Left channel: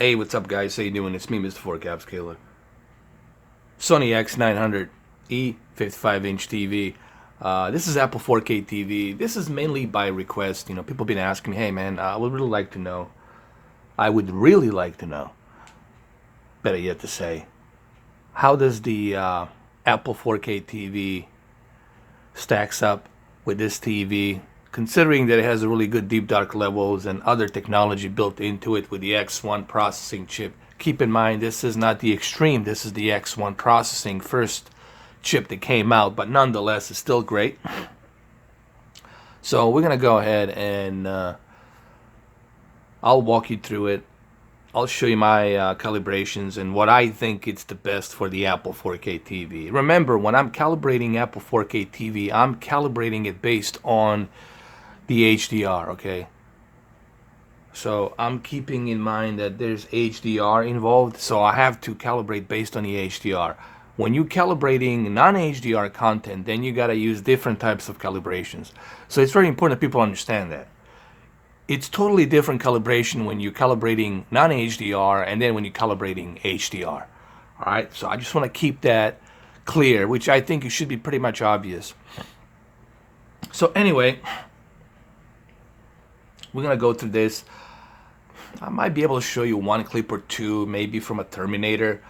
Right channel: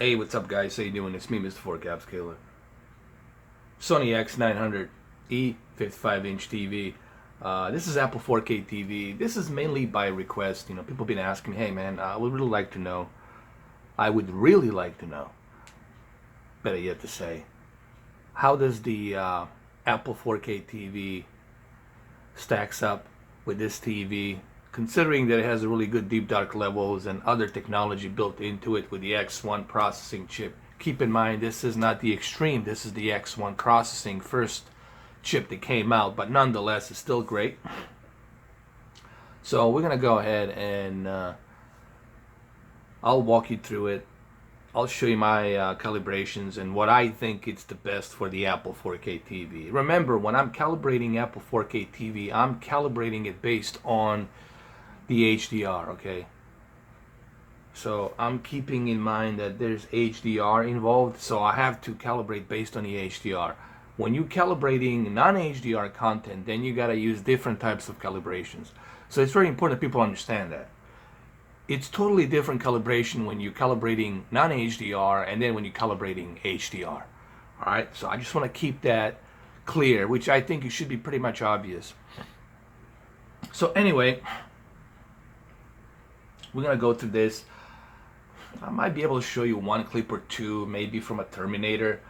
Hey, what's up, guys? How you doing? It's me, Mr. 4Cap Scaler. SONY X900E 55-inch TV. This is Apple 4K TV. This is mainly by request. You know, people have been asking me, hey, man, I would really like to know. I would really like to know. Better yet to say, how does the Apple 4K TV stacks up with this TV, considering that it has a really good deep dark levels and other technology built into it with the X1 processing chip. Keep in mind, this is not the Extreme, this is the X1 processing first chip that came out, but nonetheless, it's still great. So we're gonna go ahead and I'll walk you through it. I'll show you my calibrations and what I think it's the best for the Apple 4K TV. Remember, when I'm calibrating Apple 4K TV, I'm calibrating it based on the HDR, okay? So I'm keeping in mind that there's HDR involved, so I have to calibrate based on the HDR. When you're calibrating non-HDR content, then you gotta use different types of calibrations. So it's very important that people understand that. It's totally different calibration when you're calibrating non-HDR and then when you're calibrating HDR. All right, so I just want to keep that clear, which I think it should be pretty much obvious. So anyway, we're gonna go through this. I might be able to show you one clip or two, maybe from a Terminator.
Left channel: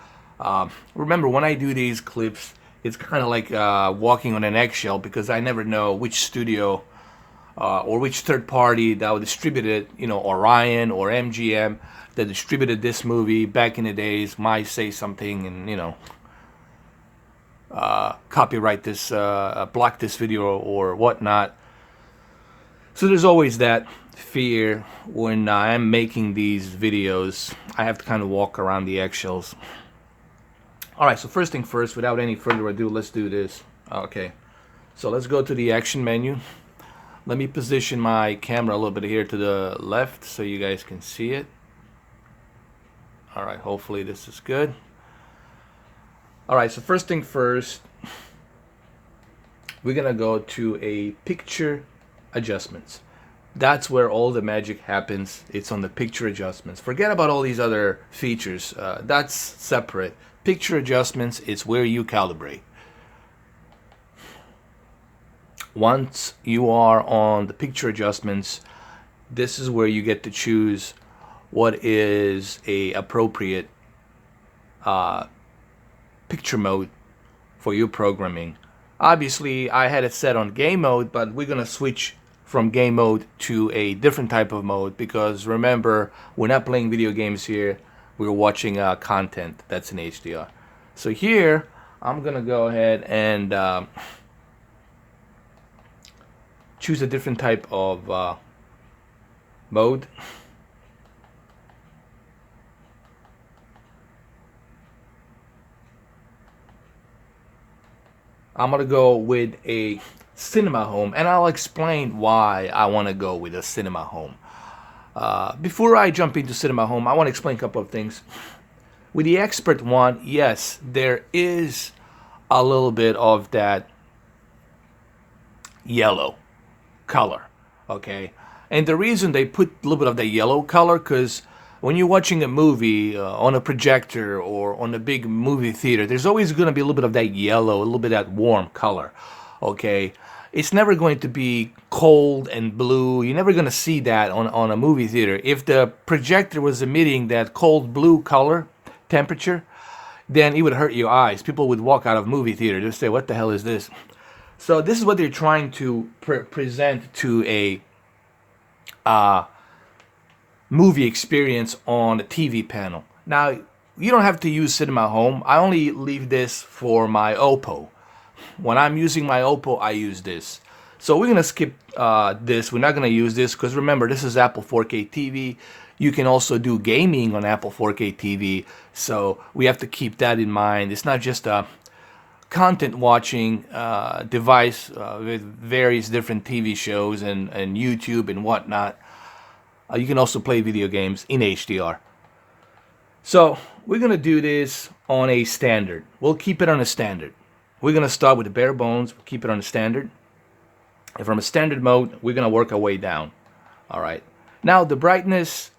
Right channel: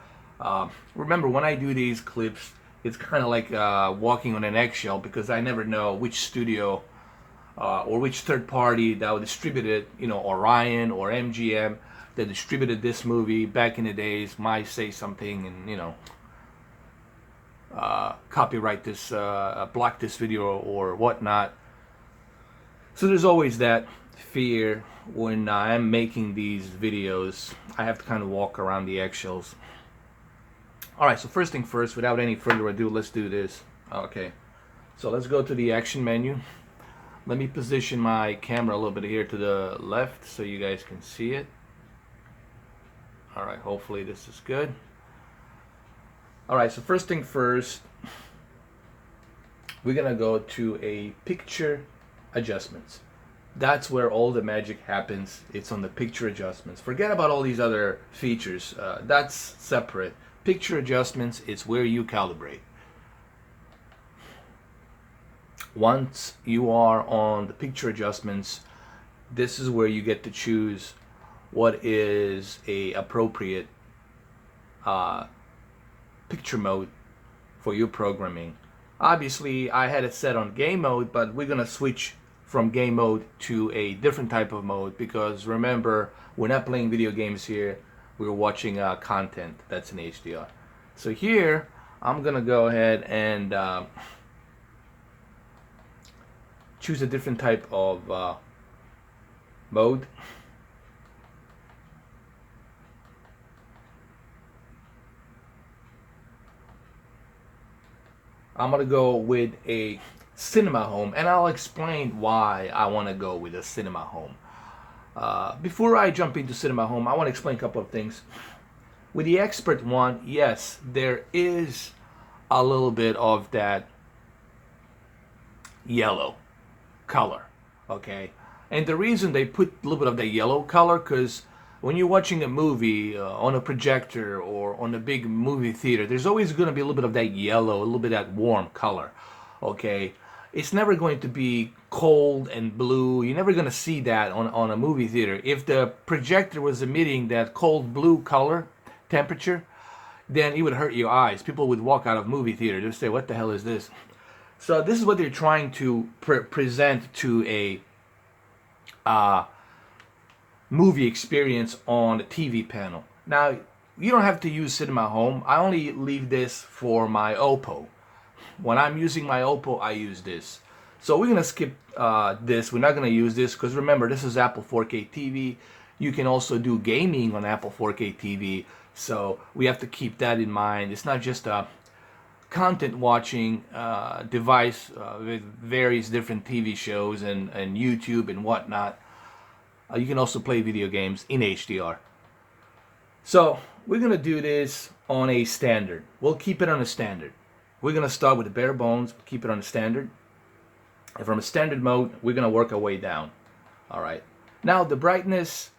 Remember, when I do these clips, it's kind of like walking on an eggshell because I never know which studio or which third party that would distribute it, you know, Orion or MGM that distributed this movie back in the days might say something and, you know, copyright this, block this video or whatnot. So there's always that fear when I'm making these videos. I have to kind of walk around the eggshells. All right, so first thing first, without any further ado, let's do this. Okay, so let's go to the action menu. Let me position my camera a little bit here to the left so you guys can see it. All right, hopefully this is good. All right, so first thing first, we're gonna go to a picture adjustments. That's where all the magic happens. It's on the picture adjustments. Forget about all these other features. That's separate. Picture adjustments is where you calibrate. Once you are on the picture adjustments, this is where you get to choose what is a appropriate picture mode for your programming. Obviously, I had it set on game mode, but we're gonna switch from game mode to a different type of mode because remember, we're not playing video games here. We're watching content that's in HDR. So here, I'm gonna go ahead and choose a different type of mode. I'm gonna go with a cinema home, and I'll explain why I want to go with a cinema home. Before I jump into cinema home, I want to explain a couple of things. With the expert one, yes, there is a little bit of that yellow color, okay? And the reason they put a little bit of the yellow color, because when you're watching a movie on a projector or on a big movie theater, there's always going to be a little bit of that yellow, a little bit of that warm color, okay? It's never going to be cold and blue. You're never going to see that on a movie theater. If the projector was emitting that cold blue color temperature, then it would hurt your eyes. People would walk out of movie theater. They'd say, what the hell is this? So this is what they're trying to present to a movie experience on a TV panel. Now, you don't have to use Cinema Home. I only leave this for my Oppo. When I'm using my Oppo, I use this. So we're going to skip this. We're not going to use this because remember, this is Apple 4K TV. You can also do gaming on Apple 4K TV. So we have to keep that in mind. It's not just a content watching device with various different TV shows and YouTube and whatnot. You can also play video games in HDR. So we're going to do this on a standard. We'll keep it on a standard. We're going to start with the bare bones, keep it on a standard. And from a standard mode, we're going to work our way down. All right. Now the brightness,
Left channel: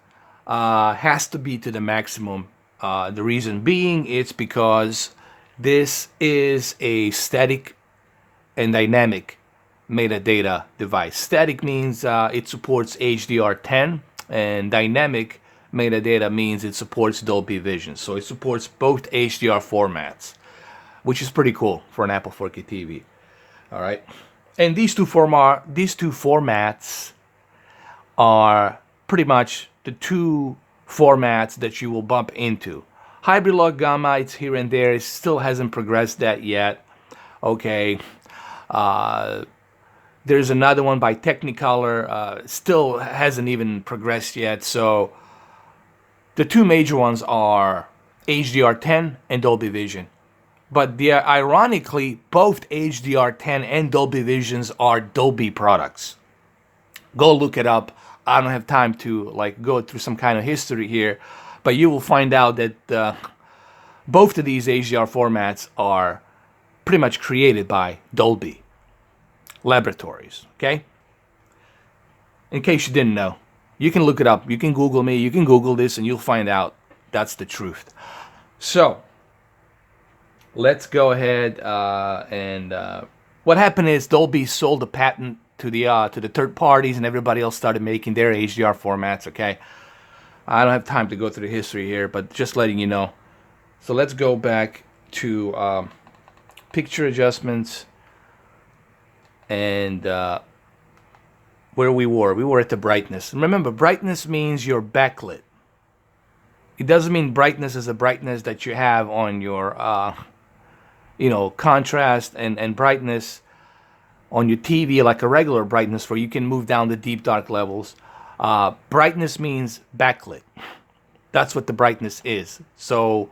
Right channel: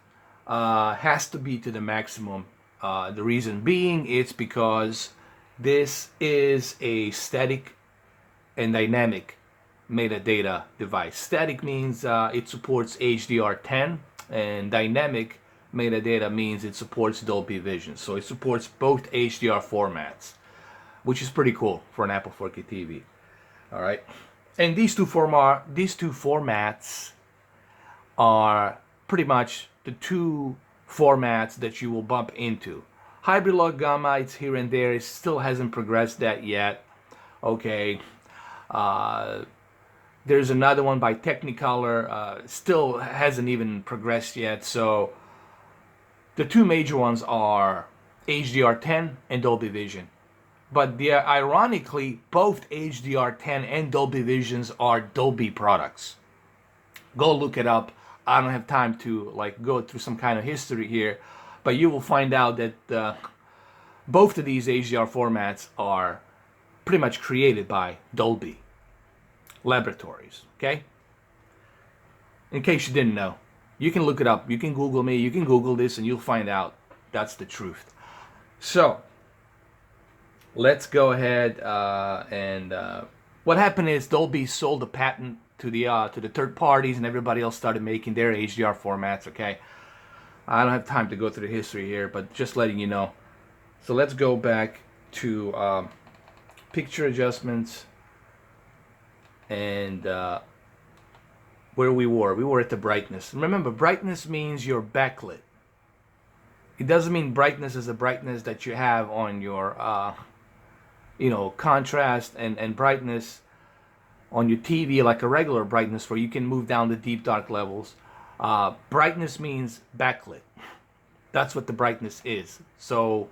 has to be to the maximum. The reason being, it's because this is a static and dynamic metadata device. Static means it supports HDR10, and dynamic metadata means it supports Dolby Vision. So it supports both HDR formats, which is pretty cool for an Apple 4K TV. All right, and these two formats are pretty much the two formats that you will bump into. Hybrid log gamma, it's here and there. It still hasn't progressed that yet. Okay. There's another one by Technicolor, still hasn't even progressed yet. So the two major ones are HDR10 and Dolby Vision. But ironically, both HDR10 and Dolby Visions are Dolby products. Go look it up. I don't have time to go through some kind of history here, but you will find out that both of these HDR formats are pretty much created by Dolby Laboratories. Okay? In case you didn't know, you can look it up. You can Google me. You can Google this, and you'll find out that's the truth. So let's go ahead and what happened is Dolby sold the patent to the third parties, and everybody else started making their HDR formats. Okay, I don't have time to go through the history here, but just letting you know. So let's go back to picture adjustments, and where we were at the brightness. Remember, brightness means your backlit. It doesn't mean brightness is the brightness that you have on your contrast and brightness on your TV, like a regular brightness where you can move down the deep dark levels. Brightness means backlit. That's what the brightness is. So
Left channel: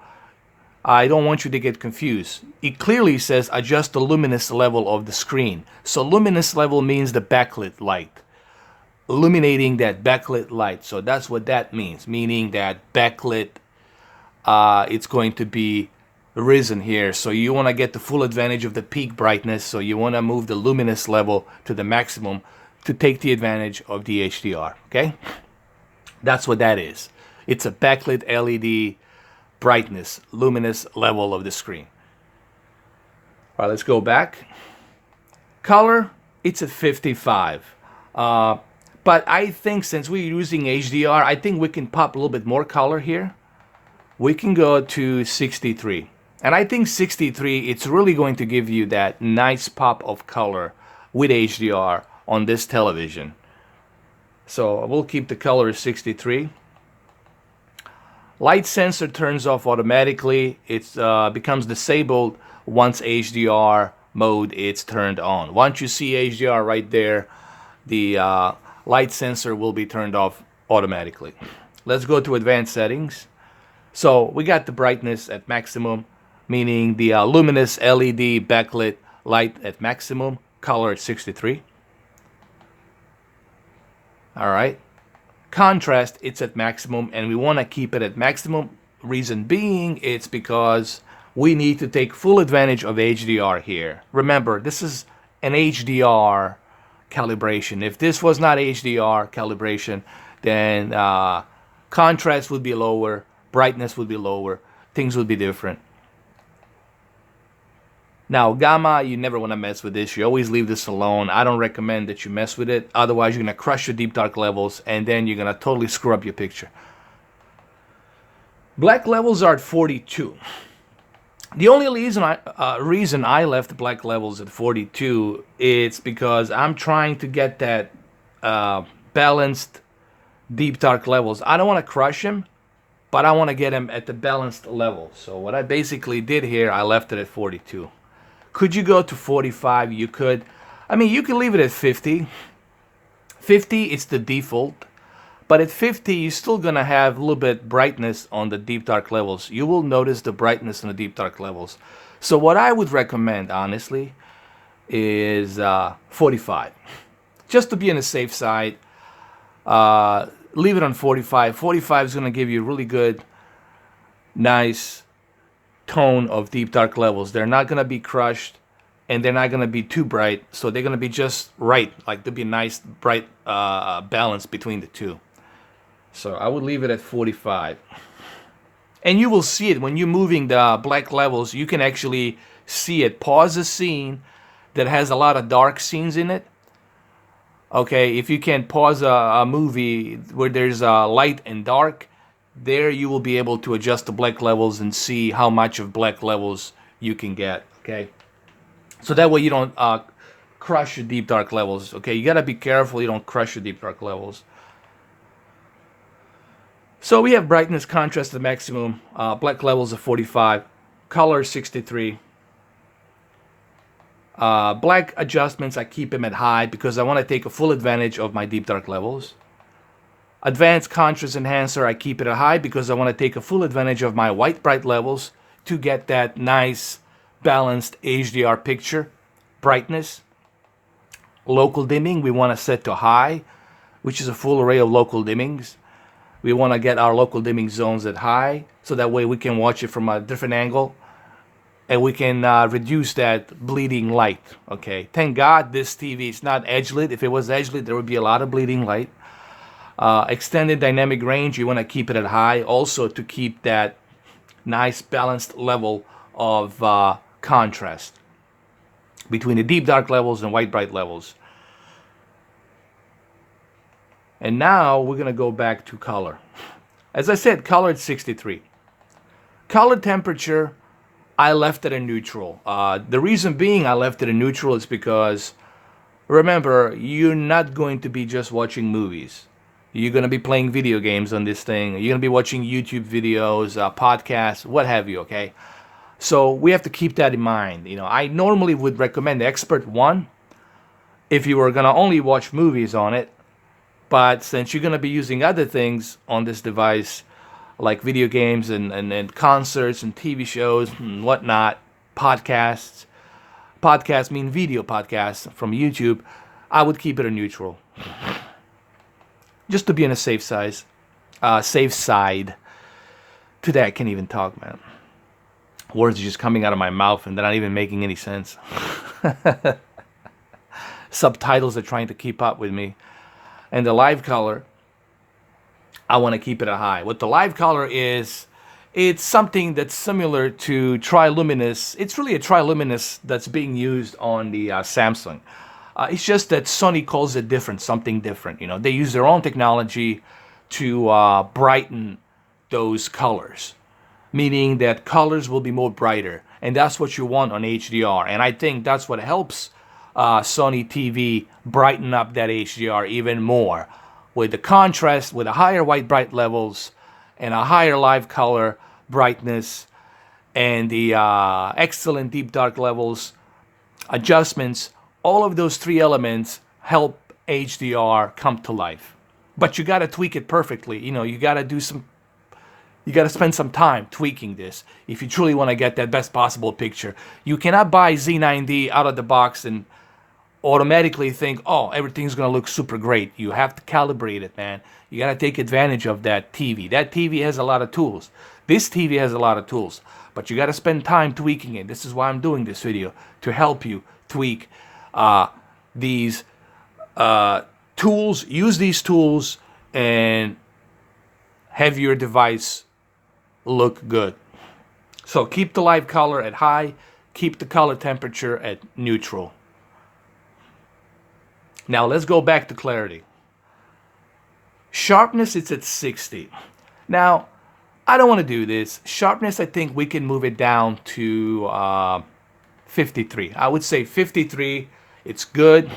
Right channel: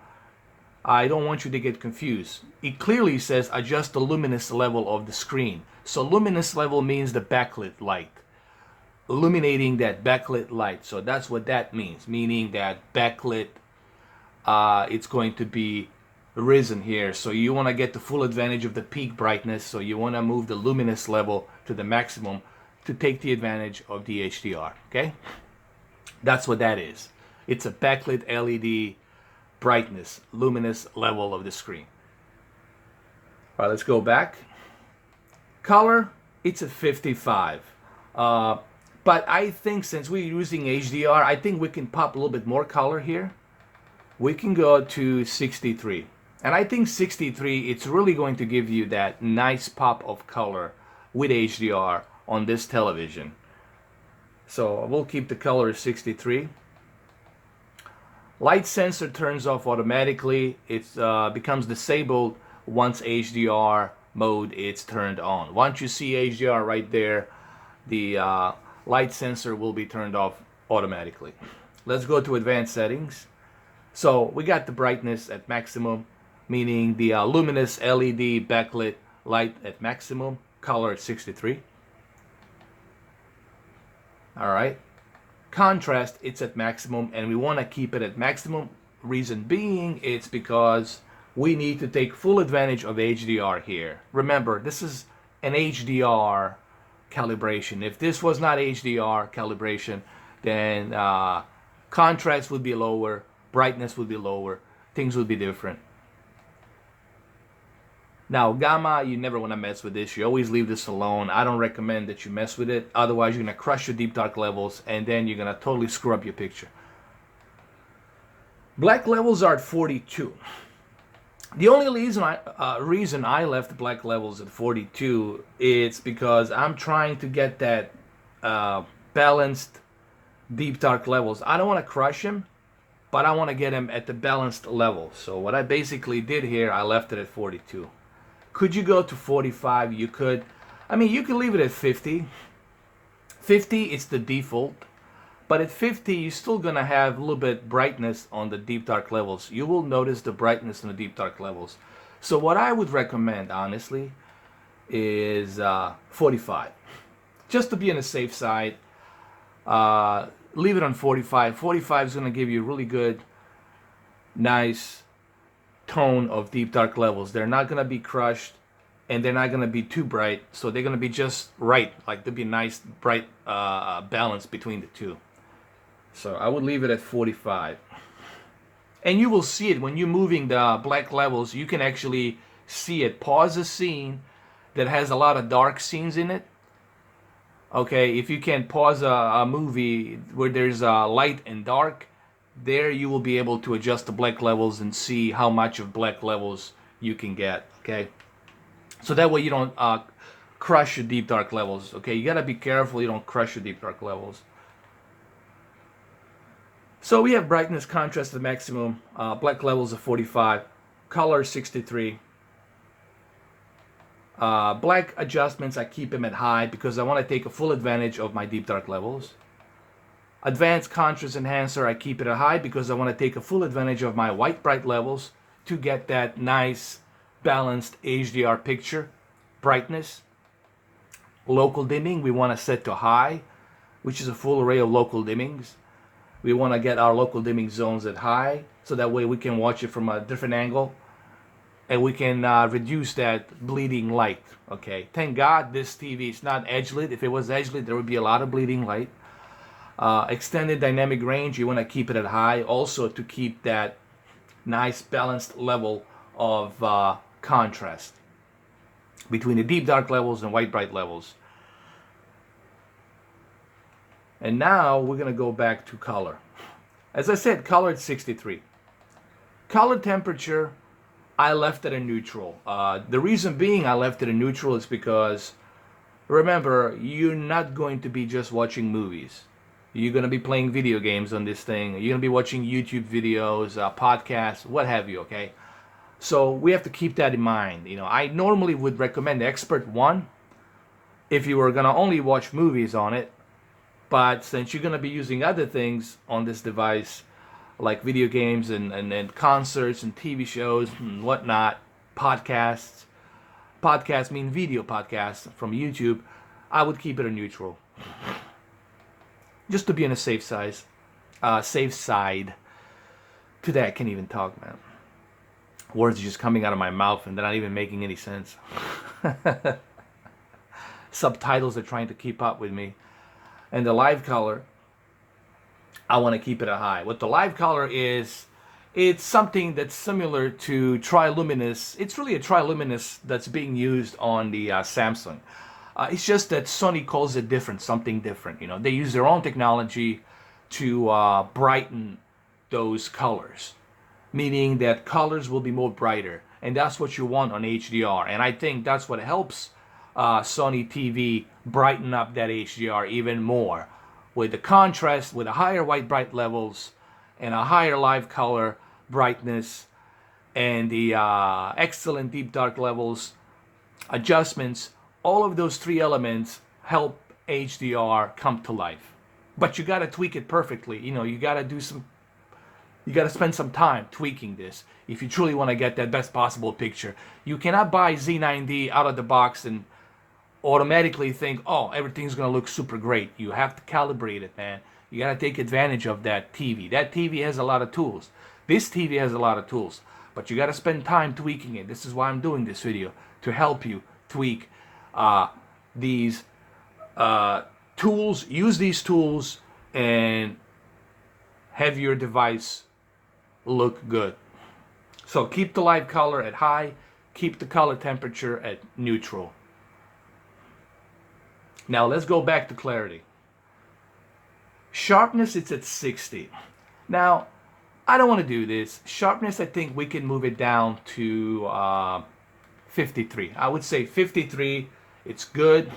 I don't want you to get confused. It clearly says adjust the luminous level of the screen. So luminous level means the backlit light, illuminating that backlit light. So that's what that means, meaning that backlit, it's going to be risen here. So you want to get the full advantage of the peak brightness. So you want to move the luminous level to the maximum to take the advantage of the HDR. Okay, that's what that is. It's a backlit LED brightness, luminous level of the screen. All right, let's go back. Color, it's a 55. But I think since we're using HDR, I think we can pop a little bit more color here. We can go to 63. And I think 63, it's really going to give you that nice pop of color with HDR on this television. So we'll keep the color 63. Light sensor turns off automatically. It becomes disabled once HDR mode is turned on. Once you see HDR right there, the light sensor will be turned off automatically. Let's go to advanced settings. So we got the brightness at maximum, meaning the luminous LED backlit light at maximum, color at 63. All right. Contrast, it's at maximum, and we want to keep it at maximum. Reason being, it's because we need to take full advantage of HDR here. Remember, this is an HDR calibration. If this was not HDR calibration, then contrast would be lower, brightness would be lower, things would be different. Now, gamma, you never want to mess with this. You always leave this alone. I don't recommend that you mess with it. Otherwise, you're going to crush your deep dark levels, and then you're going to totally screw up your picture. Black levels are at 42. The only reason I left black levels at 42 is because I'm trying to get that balanced deep dark levels. I don't want to crush them, but I want to get them at the balanced level. So what I basically did here, I left it at 42. Could you go to 45? You could. I mean, you can leave it at 50. 50 is the default. But at 50, you're still going to have a little bit brightness on the deep dark levels. You will notice the brightness on the deep dark levels. So what I would recommend, honestly, is 45. Just to be on the safe side, leave it on 45. 45 is going to give you really good, nice tone of deep dark levels. They're not going to be crushed, and they're not going to be too bright. So they're going to be just right. Like there'll be a nice, bright balance between the two. So I would leave it at 45. And you will see it when you're moving the black levels. You can actually see it. Pause a scene that has a lot of dark scenes in it. Okay, if you can pause a movie where there's light and dark, there you will be able to adjust the black levels and see how much of black levels you can get. Okay, so that way you don't crush your deep dark levels. Okay, you gotta be careful you don't crush your deep dark levels. So we have brightness, contrast to maximum, black levels of 45, color 63. Black adjustments, I keep them at high because I want to take a full advantage of my deep dark levels. Advanced contrast enhancer, I keep it at high because I want to take a full advantage of my white bright levels to get that nice balanced HDR picture. Brightness. Local dimming, we want to set to high, which is a full array of local dimmings. We want to get our local dimming zones at high so that way we can watch it from a different angle. And we can reduce that bleeding light. Okay, thank God this TV is not edge lit. If it was edge lit, there would be a lot of bleeding light. Extended dynamic range, you want to keep it at high also to keep that nice balanced level of contrast between the deep dark levels and white bright levels. And now we're going to go back to color. As I said, color at 63. Color temperature, I left it in neutral. The reason being I left it in neutral is because, remember, you're not going to be just watching movies. You're going to be playing video games on this thing. You're going to be watching YouTube videos, podcasts, what have you, okay? So we have to keep that in mind. You know, I normally would recommend Expert 1 if you were going to only watch movies on it. But since you're going to be using other things on this device, like video games and concerts and TV shows and whatnot, podcasts. Podcasts mean video podcasts from YouTube. I would keep it a neutral, just to be on a safe side. Today I can't even talk, man. Words are just coming out of my mouth and they're not even making any sense. Subtitles are trying to keep up with me. And the live color, I want to keep it at high. What the live color is, it's something that's similar to triluminous. It's really a triluminous that's being used on the Samsung. It's just that Sony calls it different, something different. You know, they use their own technology to brighten those colors, meaning that colors will be more brighter, and that's what you want on HDR. And I think that's what helps Sony TV brighten up that HDR even more, with the contrast, with the higher white bright levels and a higher live color brightness and the excellent deep dark levels adjustments. All of those three elements help HDR come to life. But you got to tweak it perfectly. You know, you got to spend some time tweaking this if you truly want to get that best possible picture. You cannot buy Z9D out of the box and automatically think, oh, everything's going to look super great. You have to calibrate it, man. You got to take advantage of that TV. That TV has a lot of tools. This TV has a lot of tools, but you got to spend time tweaking it. This is why I'm doing this video, to help you tweak these tools. Use these tools and have your device look good. So keep the live color at high, keep the color temperature at neutral. Now let's go back to clarity. Sharpness, it's at 60. Now, I don't want to do this. Sharpness, I think we can move it down to 53. I would say 53, it's good.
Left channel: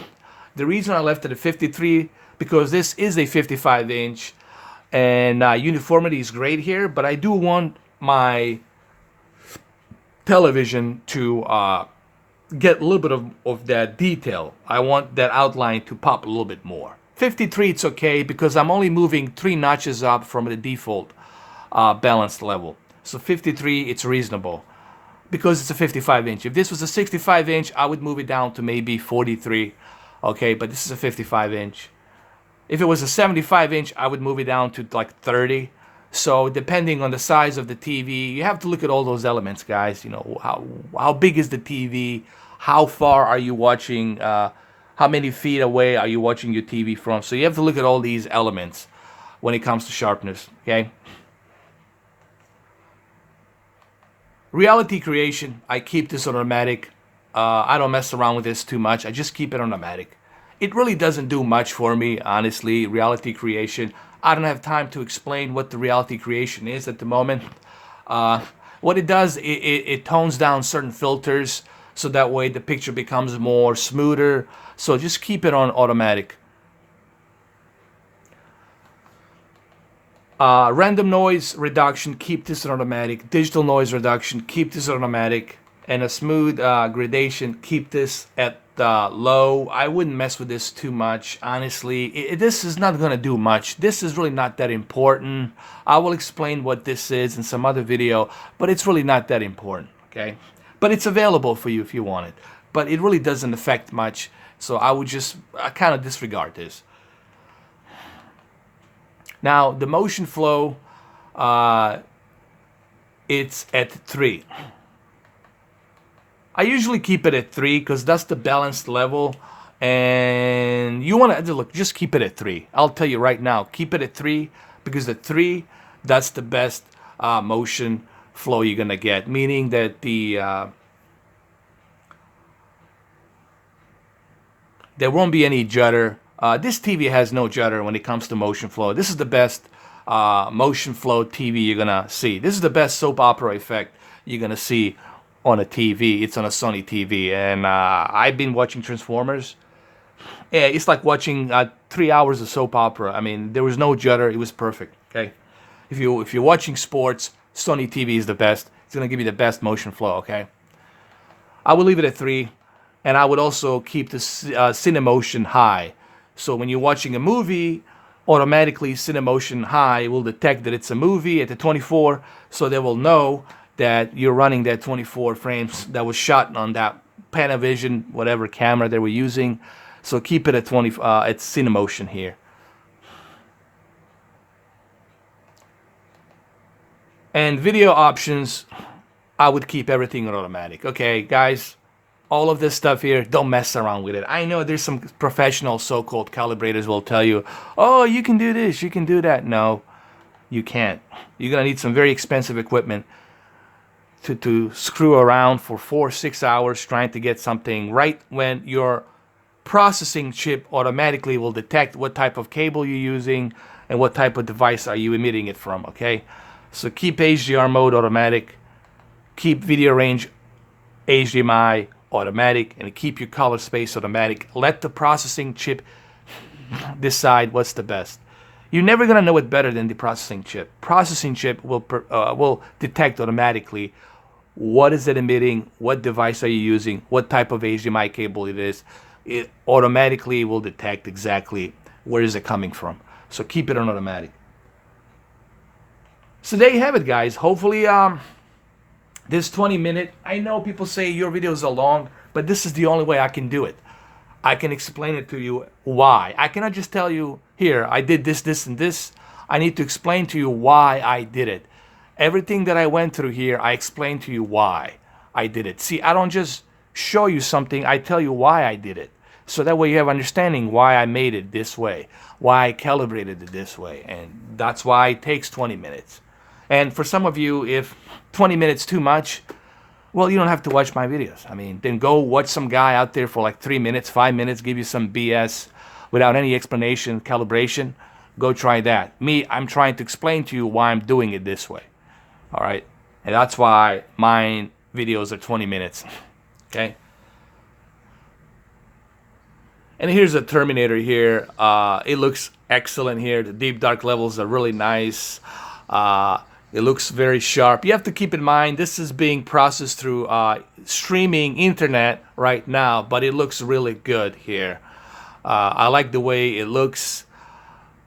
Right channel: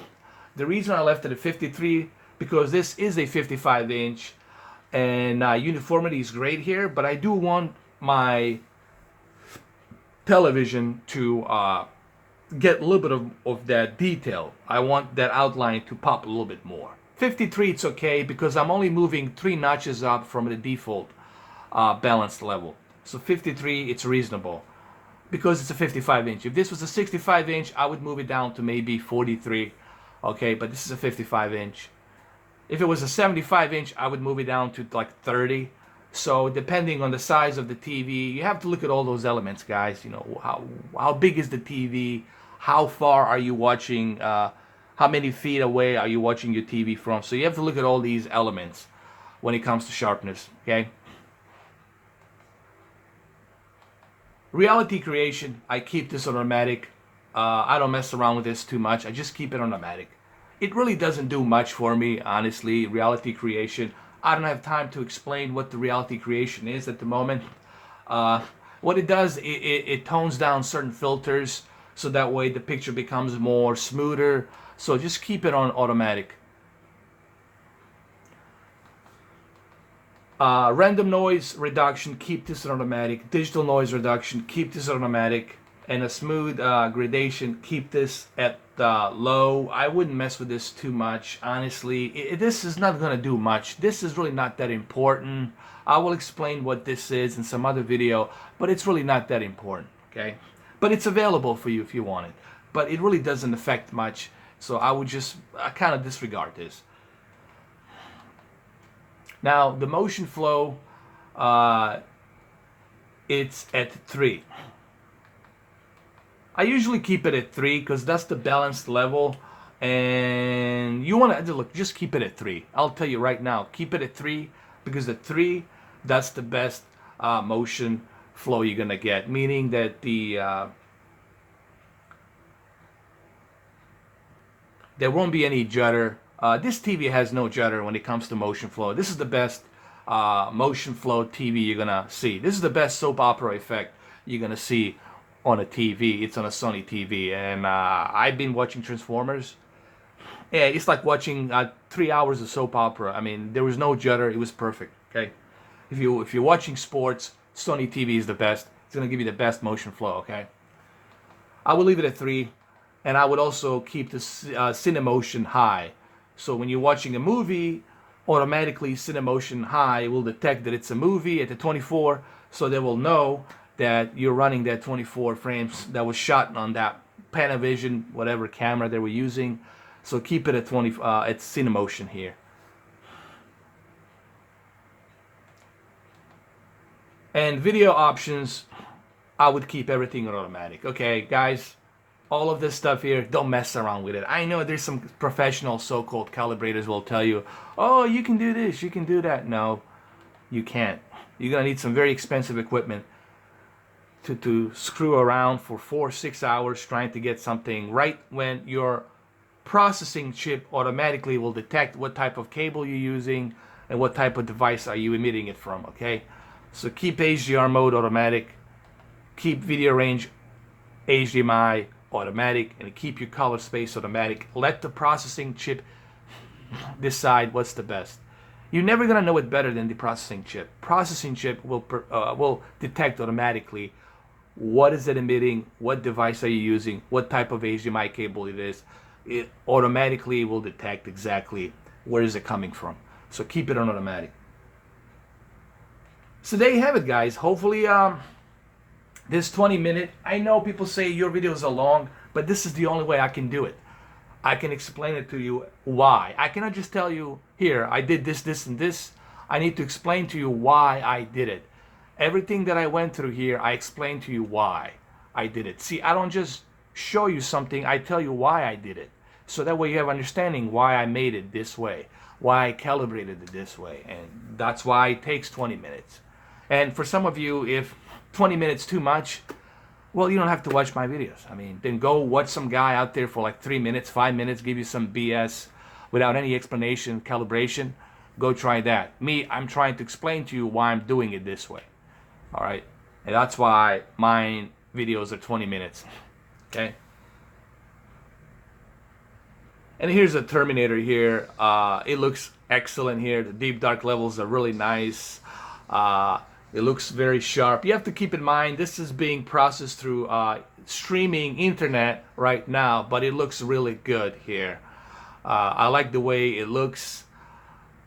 The reason I left it at 53, because this is a 55-inch, and uniformity is great here, but I do want my television to get a little bit of that detail. I want that outline to pop a little bit more. 53, it's okay because I'm only moving 3 notches up from the default balanced level. So 53, it's reasonable because it's a 55-inch. If this was a 65-inch, I would move it down to maybe 43. Okay, but this is a 55-inch. If it was a 75-inch, I would move it down to like 30. So depending on the size of the TV, you have to look at all those elements, guys. You know, how big is the TV? How far are you watching? How many feet away are you watching your TV from? So you have to look at all these elements. when it comes to sharpness. Okay. Reality creation, I keep this on automatic. I don't mess around with this too much. I just keep it on automatic. It really doesn't do much for me, honestly. Reality creation, I don't have time to explain what the reality creation is at the moment. What it does, it tones down certain filters so that way the picture becomes more smoother. So just keep it on automatic. Random noise reduction, keep this on automatic. Digital noise reduction, keep this on automatic. And a smooth gradation, keep this at low. I wouldn't mess with this too much, honestly. This is not going to do much. This is really not that important. I will explain what this is in some other video, but it's really not that important, okay? But it's available for you if you want it. But it really doesn't affect much, so I kind of disregard this. Now, the motion flow, it's at 3. I usually keep it at 3 because that's the balanced level. And you want to, look, just keep it at 3. I'll tell you right now, keep it at 3 because at 3, that's the best motion flow you're going to get. Meaning that there won't be any judder. This TV has no judder when it comes to motion flow. This is the best motion flow TV you're gonna see. This is the best soap opera effect you're gonna see on a TV. It's on a Sony TV, and I've been watching Transformers. Yeah, it's like watching 3 hours of soap opera. I mean, there was no judder. It was perfect. Okay, if you're watching sports, Sony TV is the best. It's gonna give you the best motion flow. Okay, I would leave it at 3, and I would also keep the Cinemotion high. So when you're watching a movie, automatically Cinemotion high will detect that it's a movie at the 24, so they will know that you're running that 24 frames that was shot on that Panavision, whatever camera they were using. So keep it at 20. It's Cinemotion here. And video options, I would keep everything on automatic. Okay, guys. All of this stuff here, don't mess around with it. I know there's some professional so-called calibrators will tell you, oh, you can do this, you can do that. No, you can't. You're going to need some very expensive equipment to screw around for 4 or 6 hours trying to get something right when your processing chip automatically will detect what type of cable you're using and what type of device are you emitting it from, okay? So keep HDR mode automatic, keep video range HDMI automatic, and keep your color space automatic. Let the processing chip decide what's the best. You're never gonna know it better than the processing chip. Processing chip will detect automatically what is it emitting, what device are you using, what type of HDMI cable it is. It automatically will detect exactly where is it coming from. So keep it on automatic. So there you have it, guys. Hopefully this 20-minute, I know people say your videos are long, but this is the only way I can do it. I can explain it to you why. I cannot just tell you, here, I did this, this, and this. I need to explain to you why I did it. Everything that I went through here, I explain to you why I did it. See, I don't just show you something, I tell you why I did it. So that way you have understanding why I made it this way, why I calibrated it this way. And that's why it takes 20 minutes. And for some of you, if 20 minutes too much, well, you don't have to watch my videos. I mean, then go watch some guy out there for like 3 minutes, 5 minutes, give you some BS without any explanation, calibration. Go try that. Me, I'm trying to explain to you why I'm doing it this way. All right? And that's why my videos are 20 minutes. Okay? And here's a Terminator here. It looks excellent here. The deep dark levels are really nice. It looks very sharp. You have to keep in mind this is being processed through streaming internet right now, but it looks really good here. I like the way it looks.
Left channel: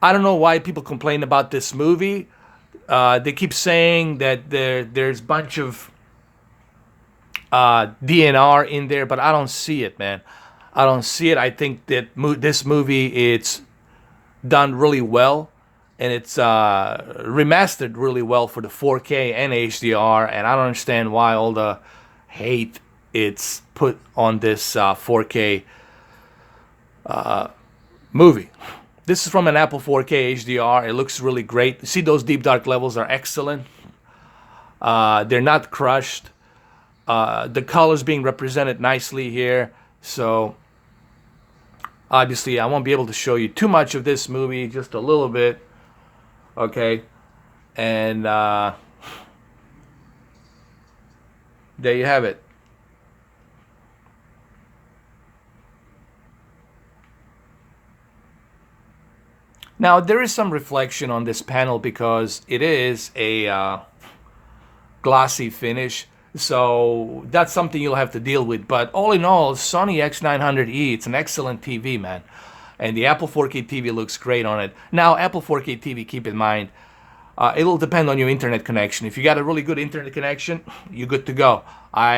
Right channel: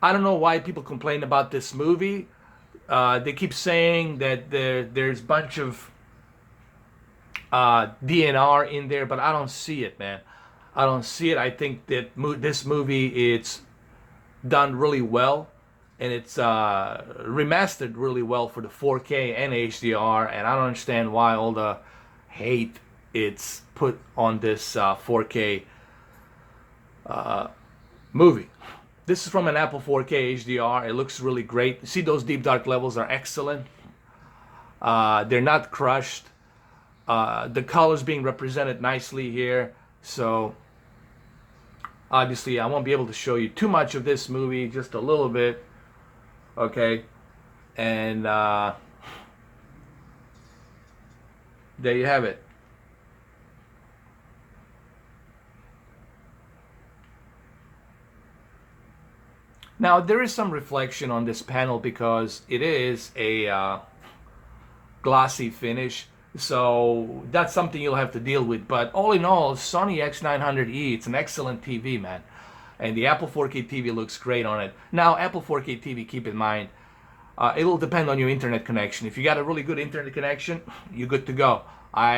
I don't know why people complain about this movie. They keep saying that there's a bunch of DNR in there, but I don't see it, man. I don't see it. I think that this movie, it's done really well. And it's remastered really well for the 4K and HDR, and I don't understand why all the hate it's put on this 4K movie. This is from an Apple 4K HDR. It looks really great. See, those deep dark levels are excellent. They're not crushed. The colors being represented nicely here. So obviously I won't be able to show you too much of this movie, just a little bit. Okay. And there you have it. Now there is some reflection on this panel because it is a glossy finish, so that's something you'll have to deal with. But all in all, Sony X900E, it's an excellent TV, man, and the Apple 4K TV looks great on it. Now Apple 4K TV, keep in mind, it'll depend on your internet connection. If you got a really good internet connection, you're good to go. I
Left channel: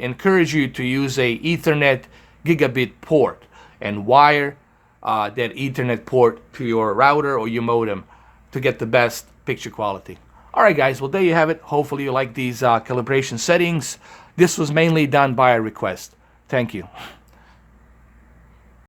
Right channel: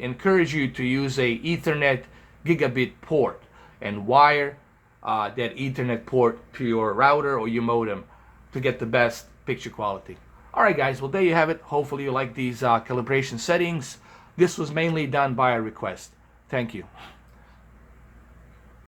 encourage you to use a Ethernet gigabit port and wire that Ethernet port to your router or your modem to get the best picture quality. All right, guys, well, there you have it. Hopefully you like these calibration settings. This was mainly done by a request. Thank you.